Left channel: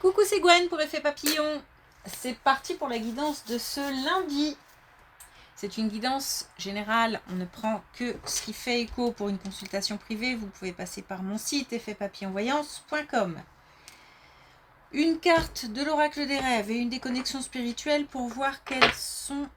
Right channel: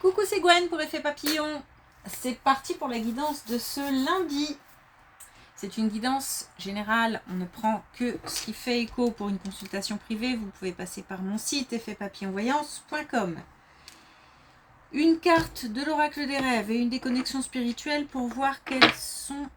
Coucou, c'est Gwen pour Effet Papillon. C'est parti pour la guidance de ce lundi. C'est une guidance générale, on ne prend que ce qui fait écho pour une consultation privée. Vous pouvez passer par mon site effetpapillonvoyance.com. Une carte de l'oracle des rêves et une des connexions spirituelles pour voir quelles sont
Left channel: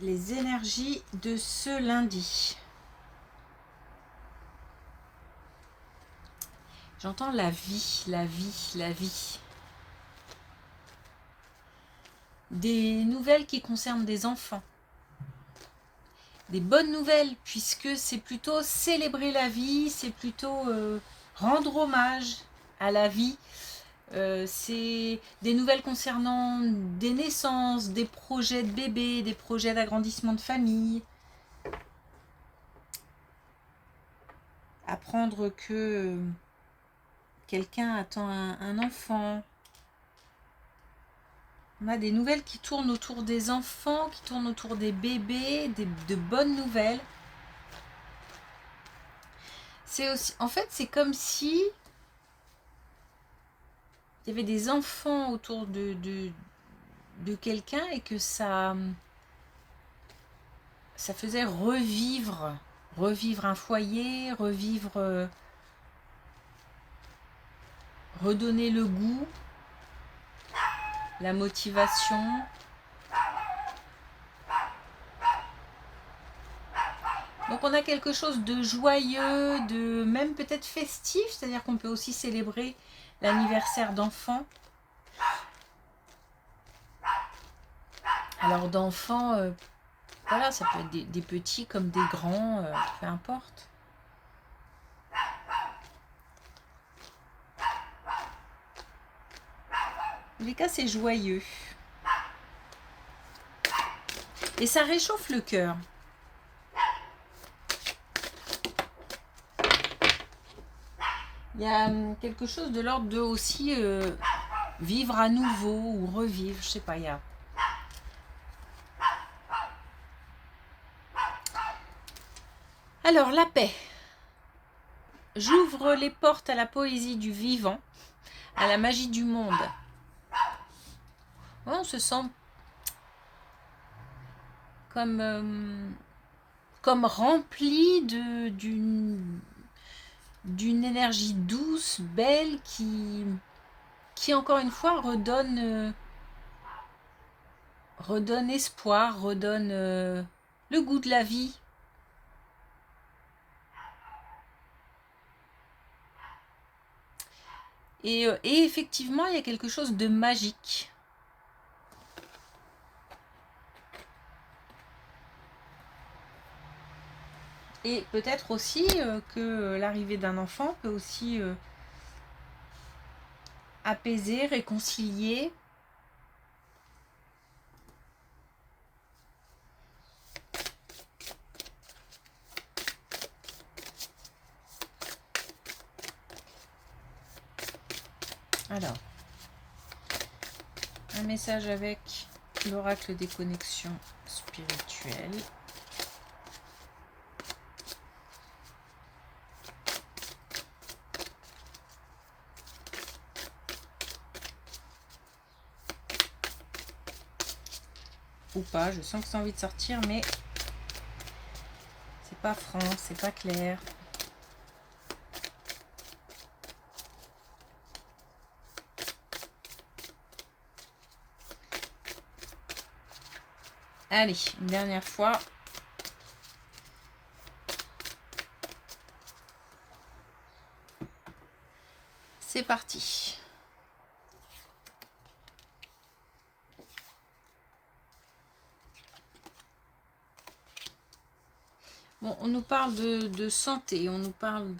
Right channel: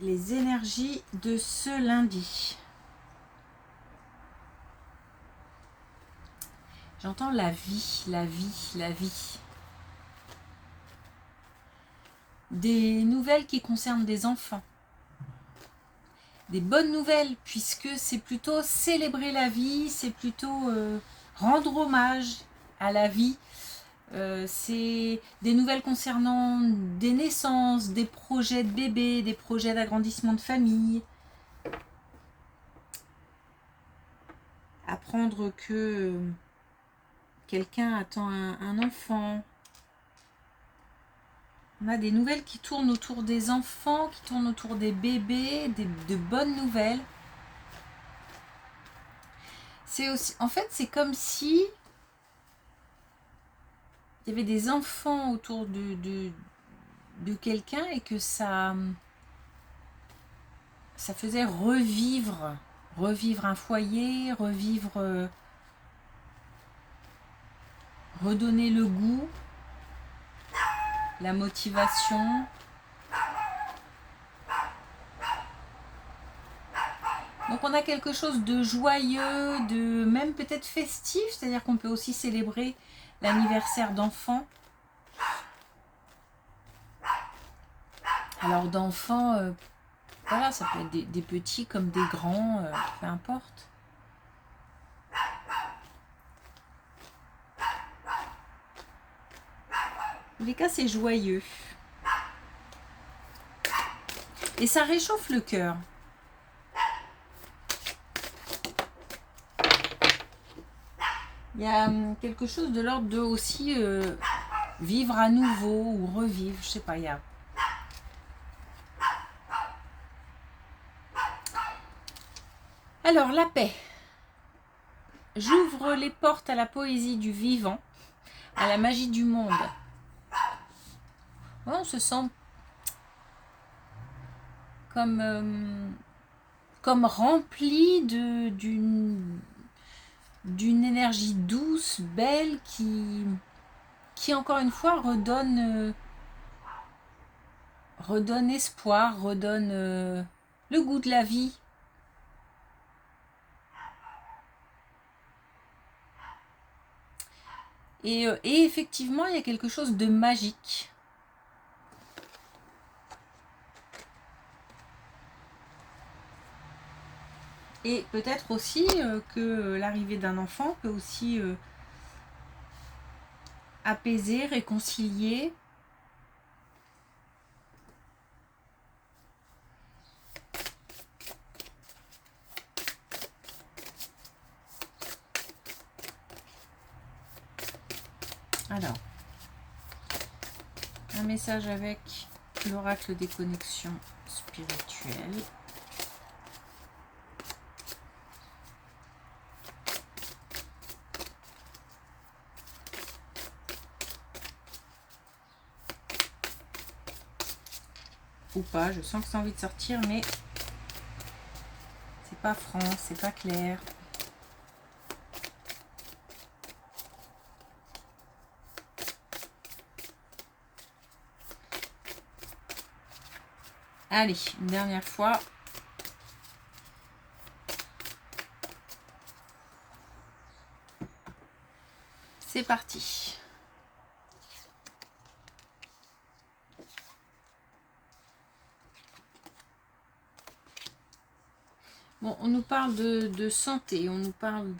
les énergies de ce lundi. J'entends la vie, la vie, la vie. Des nouvelles qui concernent des enfants. Des bonnes nouvelles, puisque c'est plutôt célébrer la vie, c'est plutôt rendre hommage à la vie. C'est des nouvelles concernant des naissances, des projets de bébés, des projets d'agrandissement de famille. Apprendre que quelqu'un attend un enfant. On a des nouvelles qui tournent autour des enfants, qui tournent autour des bébés, de bonnes nouvelles. C'est aussi, en fait, c'est comme si il y avait des enfants autour de quelqu'un et que ça faisait revivre un foyer, redonner le goût, la motivation. Donc on a quelque chose de joyeux, de même peut-être festif, c'est-à-dire qu'on peut aussi célébrer l'anniversaire d'enfants. Alors d'enfants, voilà, ça peut être des petits comme des grands, peu importe. En tous les cas, c'est joyeux. Et ça réchauffe le cœur. Il y a quelque chose de l'ordre de aussi vivre à nouveau ou revivre, je sais pas, il y a... Alors, la paix. J'ouvre les portes à la poésie du vivant, à la magie du monde. Ouais, on se sent comme rempli d'une énergie douce, belle, qui encore une fois redonne espoir, redonne le goût de la vie. Et effectivement, il y a quelque chose de magique. Et peut-être aussi que l'arrivée d'un enfant peut aussi apaiser, réconcilier. Alors, un message avec l'oracle des connexions spirituelles. Ou pas, je sens que c'est envie de sortir, mais c'est pas franc, c'est pas clair. Allez, une dernière fois. C'est parti. Bon, on nous parle de santé, on nous parle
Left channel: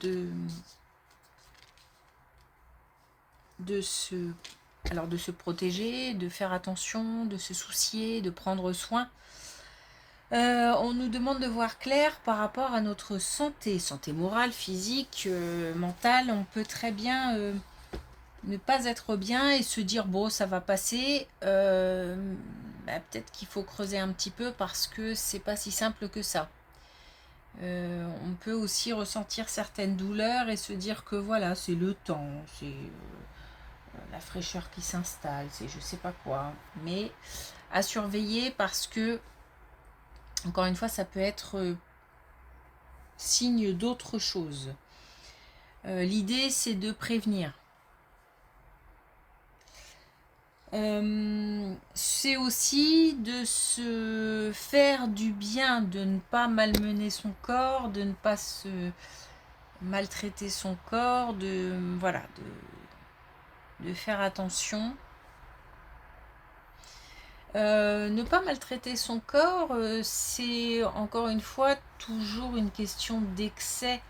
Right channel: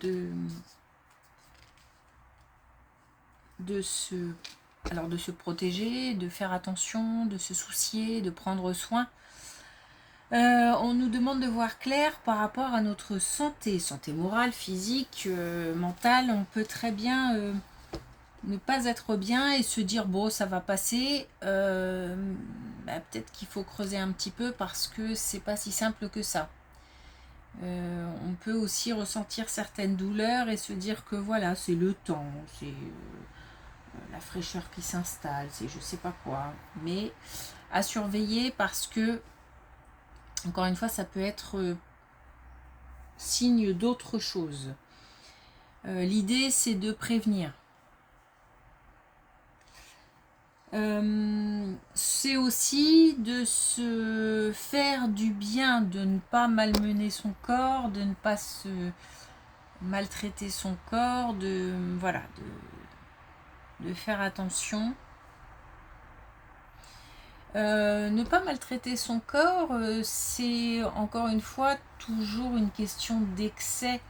de se protéger, de faire attention, de se soucier, de prendre soin. On nous demande de voir clair par rapport à notre santé morale, physique, mentale. On peut très bien ne pas être bien et se dire bon, ça va passer. Peut-être qu'il faut creuser un petit peu parce que c'est pas si simple que ça. On peut aussi ressentir certaines douleurs et se dire que voilà, c'est le temps, la fraîcheur qui s'installe, c'est je sais pas quoi. Mais à surveiller parce que, encore une fois, ça peut être signe d'autre chose. L'idée, c'est de prévenir. C'est aussi de se faire du bien, de ne pas malmener son corps, de ne pas se maltraiter son corps, voilà, de faire attention. Ne pas maltraiter son corps, c'est encore une fois toujours une question d'excès.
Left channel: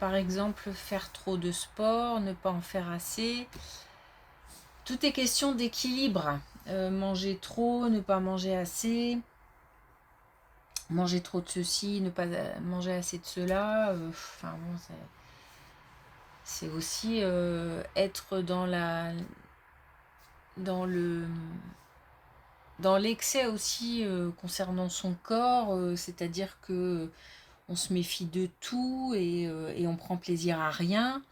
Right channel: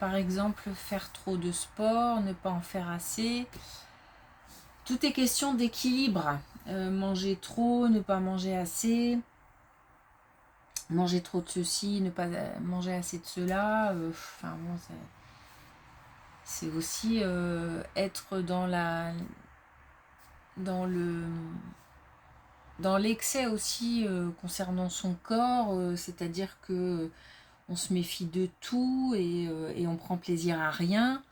Par exemple, faire trop de sport, ne pas en faire assez. Tout est question d'équilibre. Manger trop, ne pas manger assez. Manger trop de ceci, ne pas manger assez de cela. Enfin bon, c'est aussi être dans l'excès aussi concernant son corps, c'est-à-dire que on se méfie de tout et on prend plaisir à rien.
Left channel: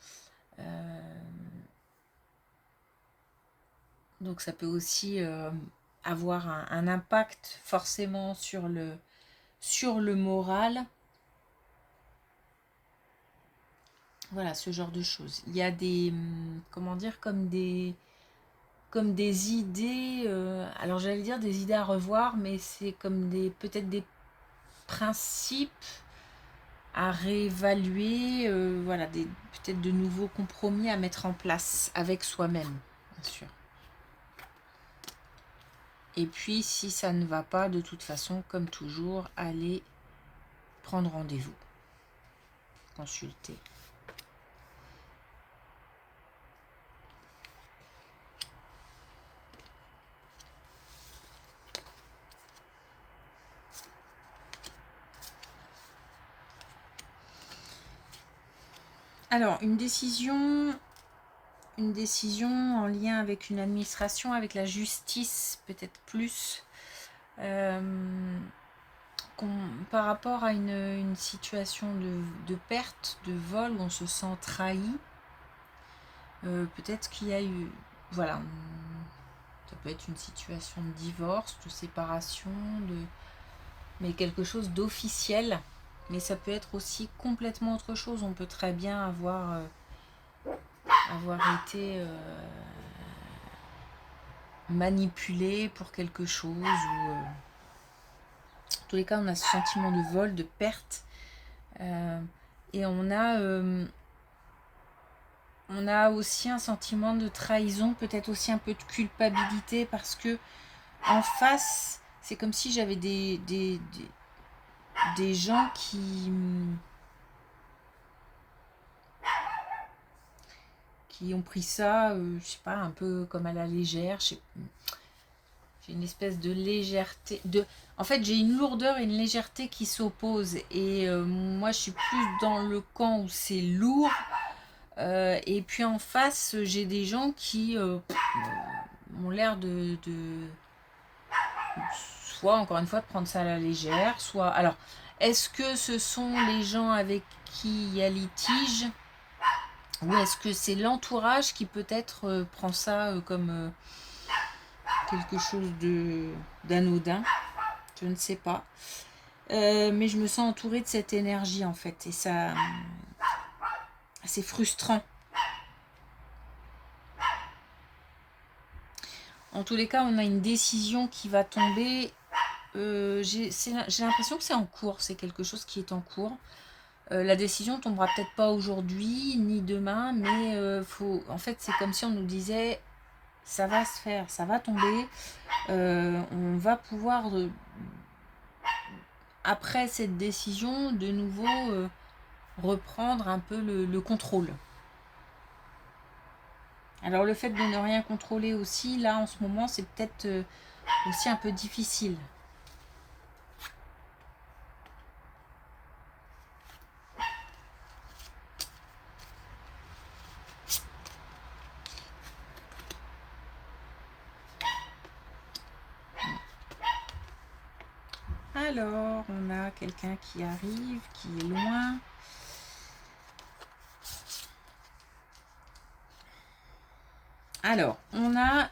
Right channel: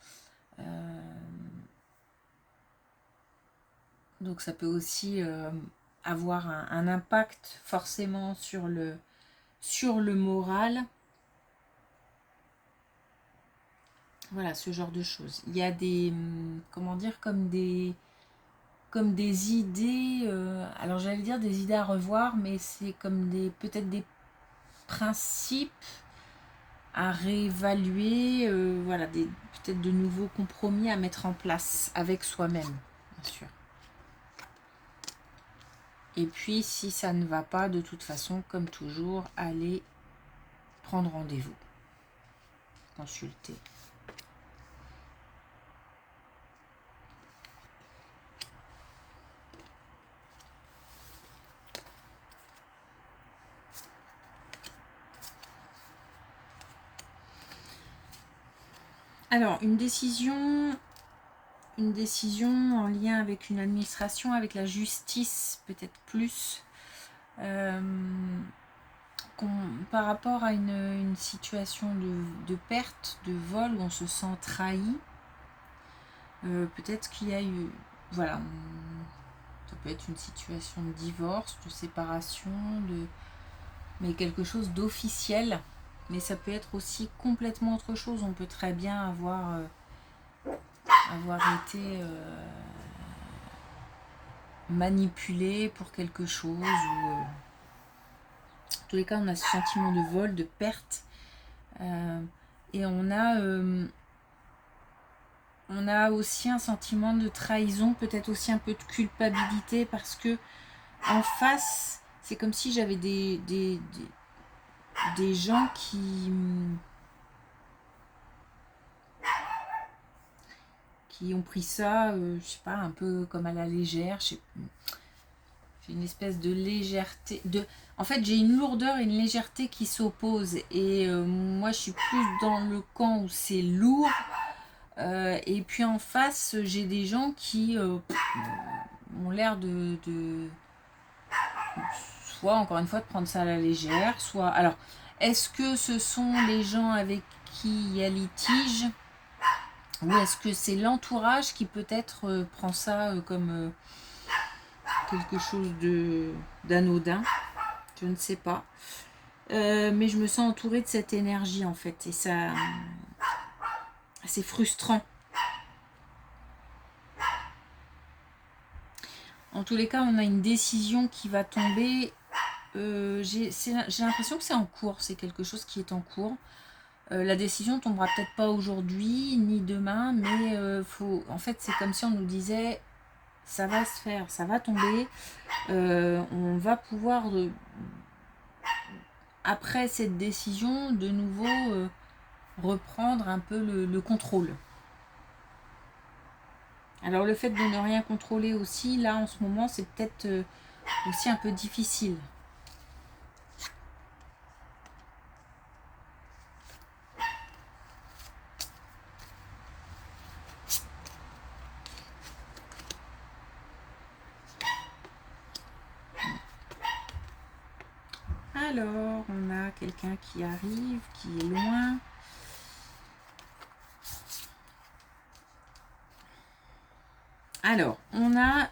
Donc ça peut aussi avoir un impact forcément sur le moral. Voilà, ce genre de choses. Il y a des, comment dire, comme des idées, alors j'allais dire des idées à revoir, mais c'est comme peut-être des principes à réévaluer, voilà, peut-être de nouveaux compromis à mettre en place avec soi-même, bien sûr. Et puis, si ça ne va pas, de toute façon, comme toujours, allez prendre rendez-vous, consulter. Alors, une décision en lien avec une administration, avec la justice, peut-être plus, par rapport à une situation de perte, de vol, où on se sent trahi. Peut-être qu'il y a eu, voilà, ça peut être une situation de divorce, de séparation, mais quelque chose d'officiel. Mais ça peut être aussi complètement autre chose. On peut très bien avoir été manipulé pour quelque chose. En tous les cas, on a ce sentiment de vol, de perte. Et on a aussi un sentiment de trahison, peut-être aussi un peu de culpabilité, parce que en face, c'est comme si j'avais des gens qui ont pris ça, je sais pas, un peu comme à la légère. J'ai une espèce de légèreté. En fait, j'ai une lourdeur et une légèreté qui s'opposent. Et moi, je suis plus dans le camp où c'est lourd. Et puis en face, j'ai des gens qui ont l'air soit, encore une fois, de prendre ça à la légère, soit... Alors, est-ce que ce sont les gens avec qui il y a litige, ou est-ce que c'est l'entourage qui peut-être prend ça comme quelque chose d'anodin? Je ne sais pas. Mais je me sens entourée de cette énergie, en fait. Et ça, c'est frustrant. En tous les cas, on a une décision qui va tomber. J'ai l'impression que c'est en cours. C'est quelque chose qui est en cours. La décision tombera peut-être pas aujourd'hui ni demain, mais en fait, c'est comme si on nous disait ça va se faire, ça va tomber. On va pouvoir, après cette décision, de nouveau reprendre un peu le contrôle. Alors le fait de ne rien contrôler aussi, là en ce moment, c'est peut-être aussi un peu difficile. Alors, on a quelqu'un qui arrive, qui est loin. Alors, on a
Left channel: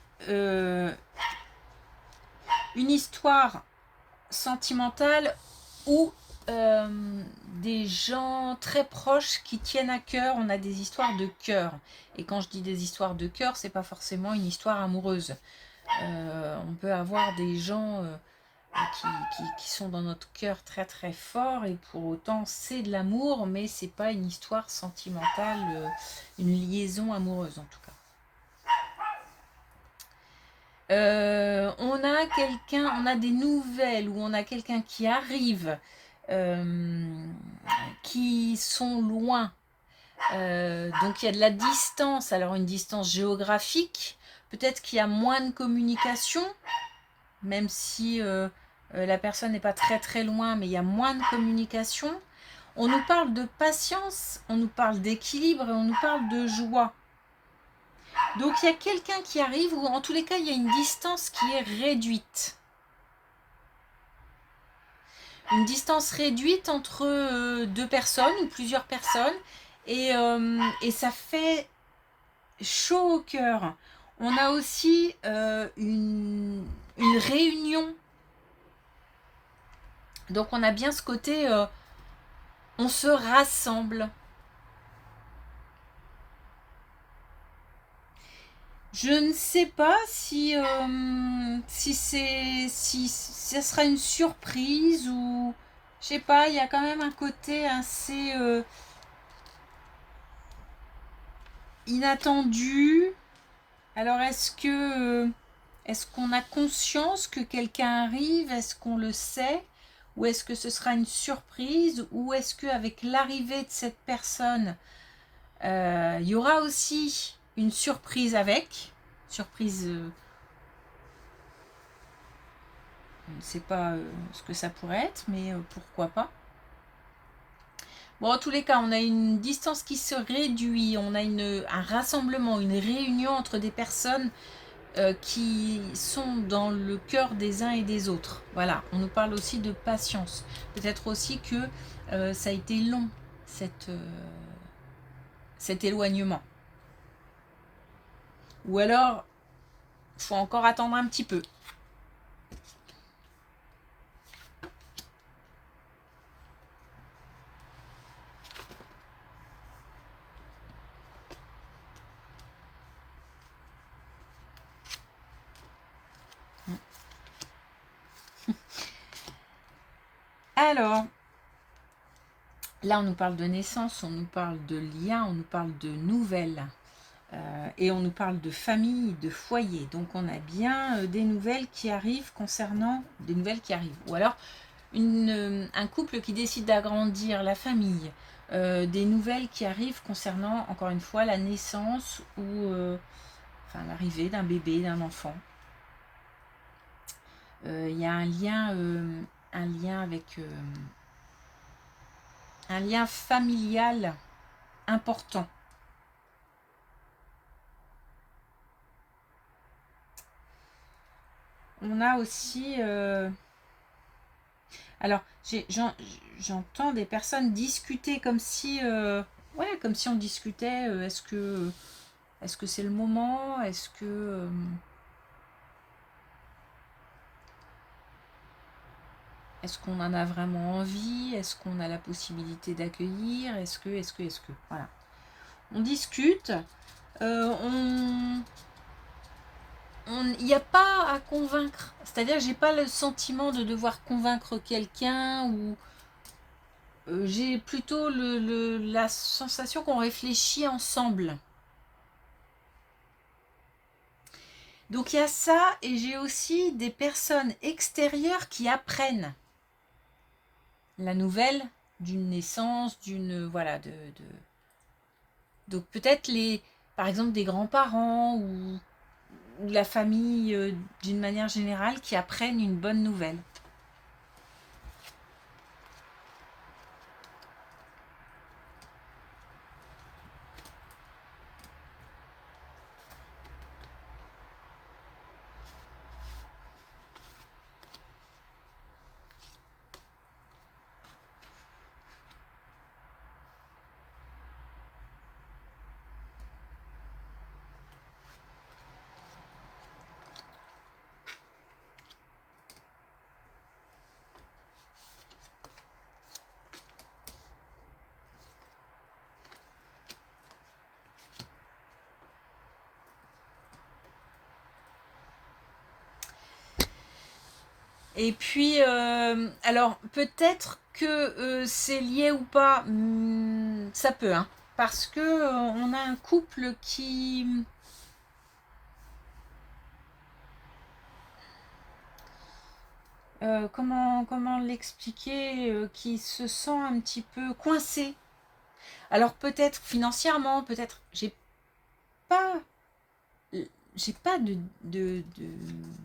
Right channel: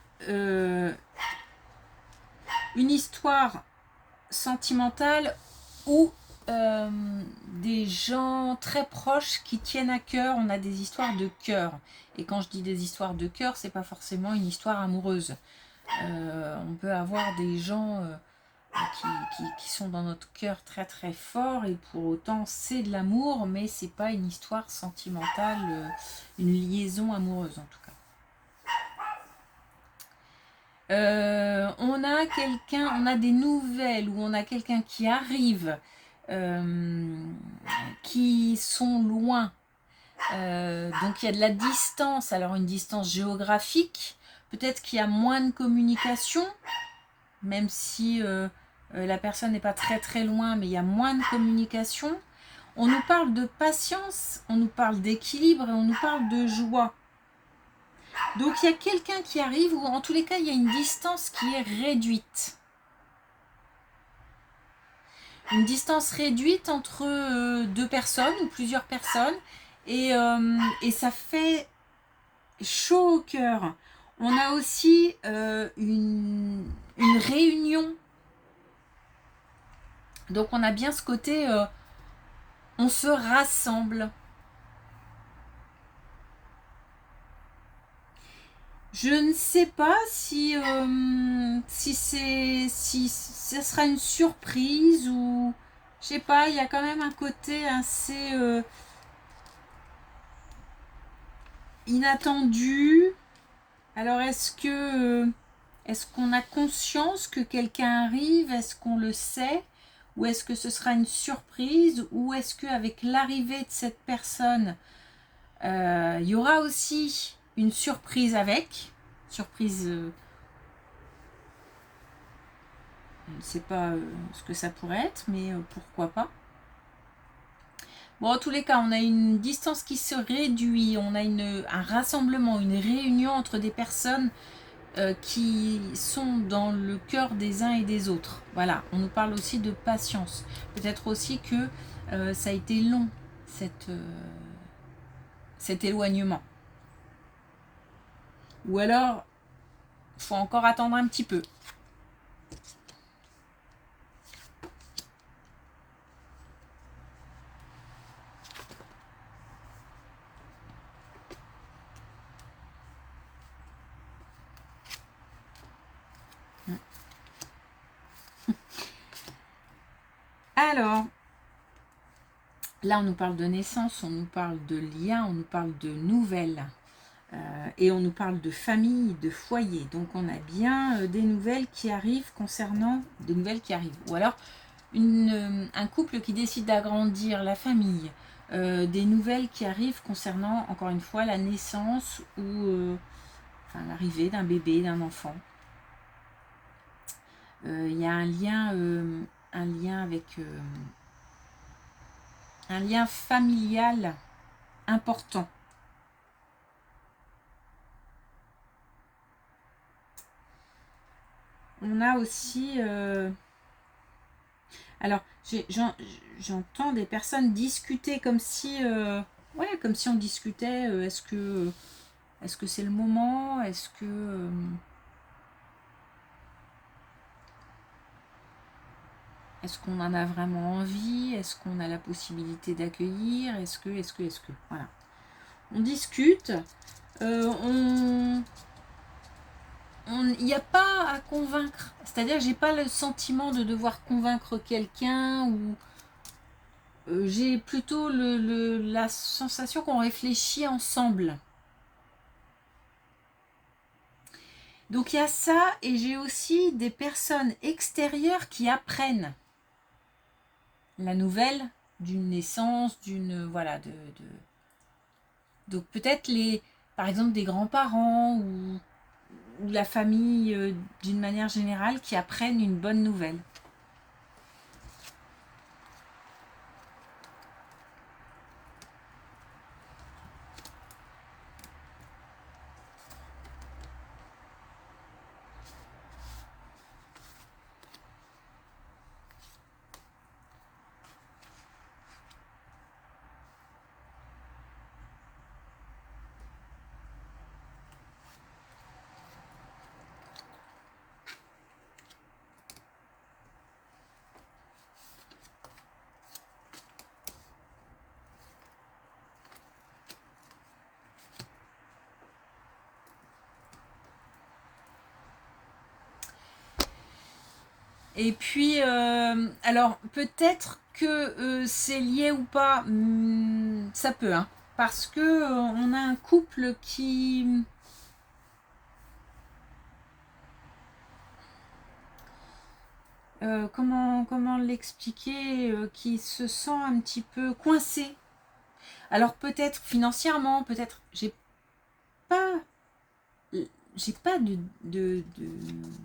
une histoire sentimentale ou des gens très proches qui tiennent à cœur. On a des histoires de cœur. Et quand je dis des histoires de cœur, c'est pas forcément une histoire amoureuse. On peut avoir des gens qui sont dans notre cœur très très fort et pour autant c'est de l'amour, mais c'est pas une histoire sentimentale, une liaison amoureuse en tout cas. On a des nouvelles où on a quelqu'un qui arrive, qui sont loin. Donc il y a de la distance, alors une distance géographique, peut-être qu'il y a moins de communication, même si la personne n'est pas très très loin, mais il y a moins de communication. On nous parle de patience, on nous parle d'équilibre et on nous parle de joie. Donc il y a quelqu'un qui arrive, ou en tous les cas il y a une distance qui est réduite. Une distance réduite entre deux personnes ou plusieurs personnes, et ça fait chaud au cœur. On a aussi une réunion. Donc on a bien ce côté, on se rassemble. Je ne sais pas si ça sera une surprise ou je sais pas. Il y a quand même un côté assez inattendu. Alors est-ce qu'on a conscience que quelqu'un arrive? Est-ce qu'on le sait? Ou est-ce que ce sera une surprise? Ou est-ce qu'avec l'arrivée de cette personne, il y aura aussi une surprise avec? Surprise, on ne sait pas ce que ça pourrait être, mais pourquoi pas. Bon, en tous les cas, on a une distance qui se réduit, on a un rassemblement, une réunion entre des personnes qui sont dans le cœur des uns et des autres. Voilà, on nous parle aussi de patience. Peut-être aussi que ça a été long, cet éloignement. Ou alors, il faut encore attendre un petit peu. Alors, là, on nous parle de naissance, on nous parle de lien, on nous parle de nouvelles. Et on nous parle de famille, de foyer. Donc on a bien des nouvelles qui arrivent concernant des nouvelles qui arrivent. Ou alors un couple qui décide d'agrandir la famille. Des nouvelles qui arrivent concernant, encore une fois, la naissance ou l'arrivée d'un bébé, d'un enfant. Il y a un lien avec un lien familial important. On a aussi alors j'entends des personnes discuter comme si comme si on discutait, est-ce que c'est le moment, est-ce qu'on en a vraiment envie, est-ce qu'on a la possibilité d'accueillir, est-ce que voilà, on discute, il n'y a pas à convaincre. C'est-à-dire, j'ai pas le sentiment de devoir convaincre quelqu'un ou j'ai plutôt la sensation qu'on réfléchit ensemble. Donc il y a ça et j'ai aussi des personnes extérieures qui apprennent la nouvelle d'une naissance, d'une voilà donc peut-être par exemple des grands-parents ou la famille d'une manière générale qui apprennent une bonne nouvelle. Et puis, alors peut-être que c'est lié ou pas, ça peut, hein, parce que on a un couple qui... comment l'expliquer, qui se sent un petit peu coincé. Alors peut-être financièrement, peut-être pas, j'ai pas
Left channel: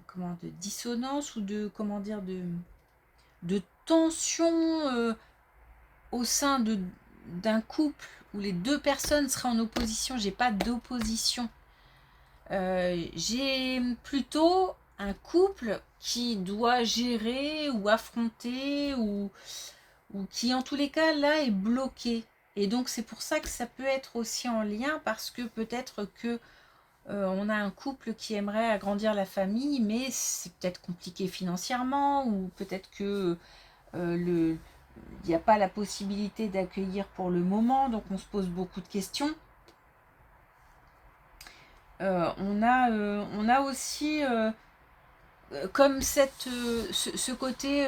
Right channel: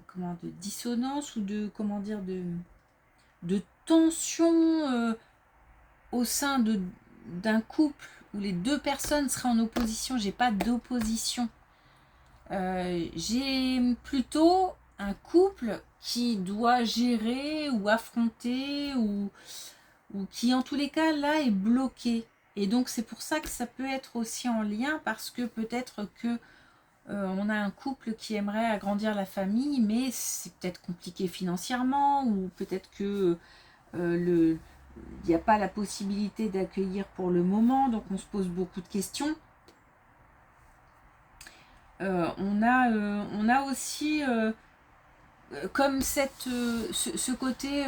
comment, de dissonance ou de, comment dire, de tension au sein d'un couple où les deux personnes seraient en opposition. J'ai pas d'opposition. J'ai plutôt un couple qui doit gérer ou affronter ou qui en tous les cas là est bloqué. Et donc c'est pour ça que ça peut être aussi en lien, parce que peut-être que on a un couple qui aimerait agrandir la famille, mais c'est peut-être compliqué financièrement, ou peut-être que il n'y a pas la possibilité d'accueillir pour le moment, donc on se pose beaucoup de questions. On a aussi comme ce côté,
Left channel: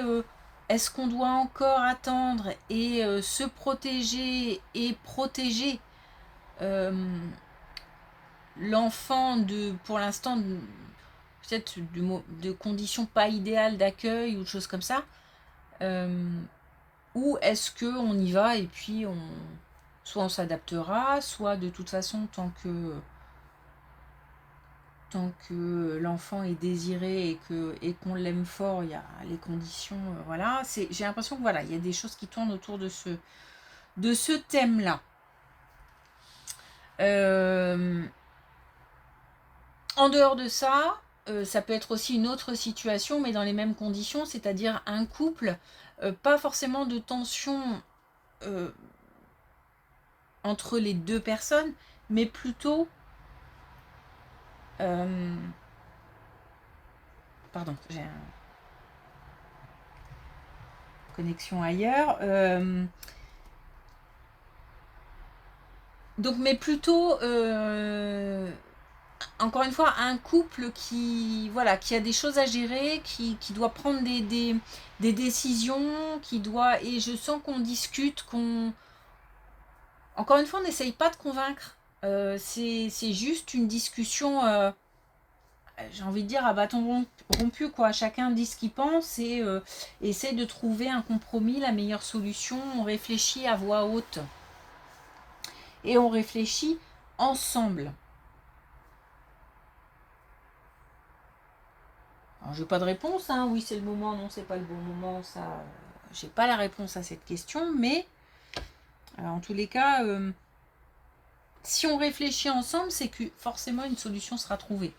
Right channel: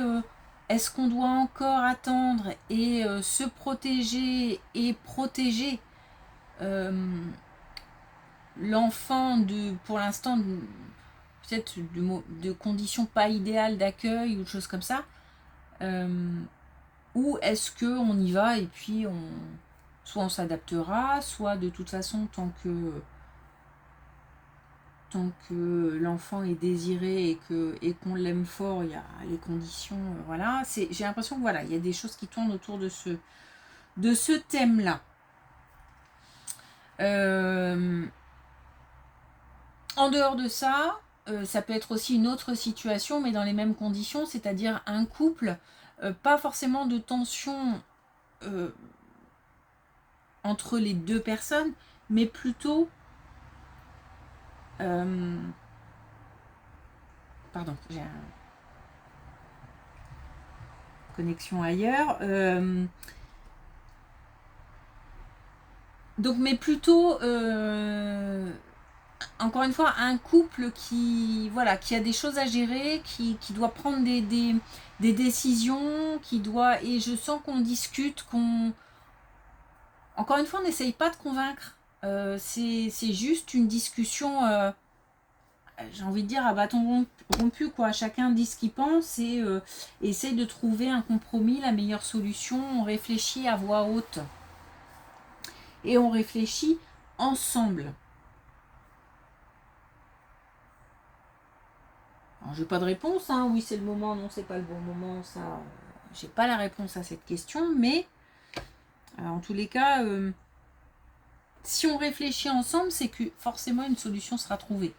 est-ce qu'on doit encore attendre et se protéger et protéger euh, l'enfant pour l'instant, peut-être de conditions pas idéales d'accueil ou de choses comme ça, ou est-ce qu'on y va et puis soit on s'adaptera, soit de toute façon tant que l'enfant est désiré et qu'on l'aime fort, il y a les conditions, voilà. J'ai l'impression que voilà, il y a des choses qui tournent autour de ce thème-là. En dehors de ça, ça peut être aussi une autre situation, mais dans les mêmes conditions, c'est-à-dire un couple, pas forcément de tension entre les deux personnes, mais plutôt... pardon, j'ai une connexion ailleurs. Donc, mais plutôt, encore une fois, un couple qui a des choses à gérer, qui doit prendre des décisions, et je sens qu'on discute, encore une fois, on n'essaye pas de convaincre. C'est juste une discussion, j'ai envie de dire, à bâton rompu, quoi. Chacun dit ce qu'il pense et essaie de trouver un compromis, la meilleure solution. On réfléchit à voix haute. Et on réfléchit ensemble. Alors, j'ai pas de réponse, hein. Oui, c'est le moment, non, c'est pas le bon moment. Ça, j'ai pas la réponse à cette question, mais en tous les cas, si on réfléchit ensemble, c'est que forcément une solution sera trouvée.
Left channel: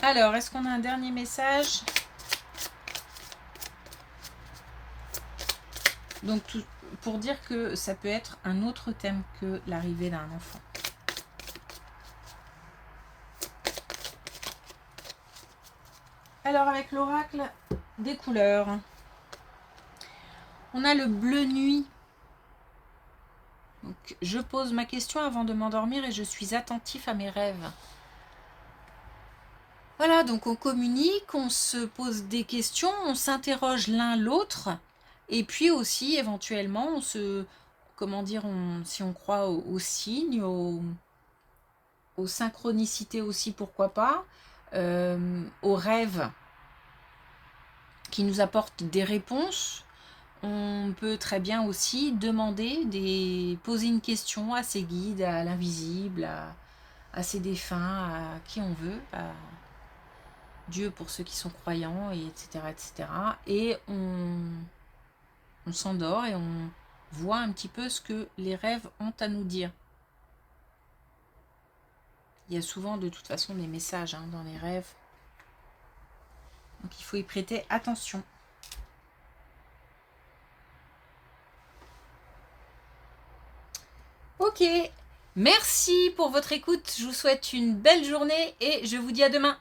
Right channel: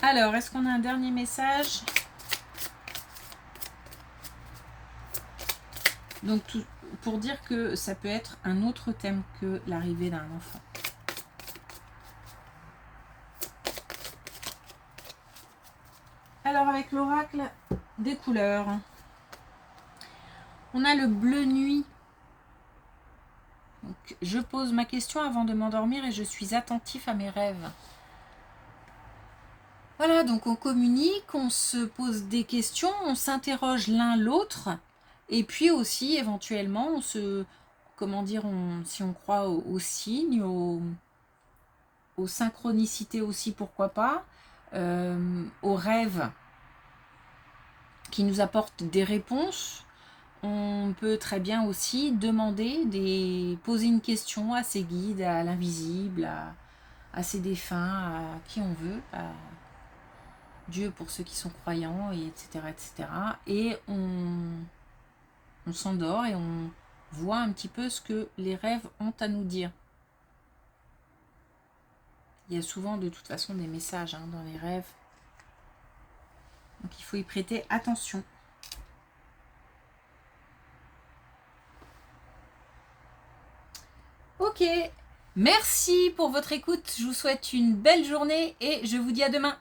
Alors, est-ce qu'on a un dernier message? Donc, pour dire que ça peut être un autre thème que l'arrivée d'un enfant. Alors, avec l'oracle des couleurs, on a le bleu nuit. Donc, je pose ma question avant de m'endormir et je suis attentif à mes rêves. Voilà, donc on communique, on se pose des questions, on s'interroge l'un l'autre, et puis aussi éventuellement on se, comment dire, si on croit aux signes, aux synchronicités aussi, pourquoi pas, aux rêves qui nous apportent des réponses. On peut très bien aussi poser une question à ses guides, à l'invisible, à ses défunts, à qui on veut, Dieu pour ceux qui sont croyants, et etc. etc. Et on s'endort et on voit un petit peu ce que les rêves ont à nous dire. Il y a souvent de toute façon des messages dans les rêves. Donc il faut y prêter attention. Ok, merci pour votre écoute. Je vous souhaite une belle journée et je vous dis à demain.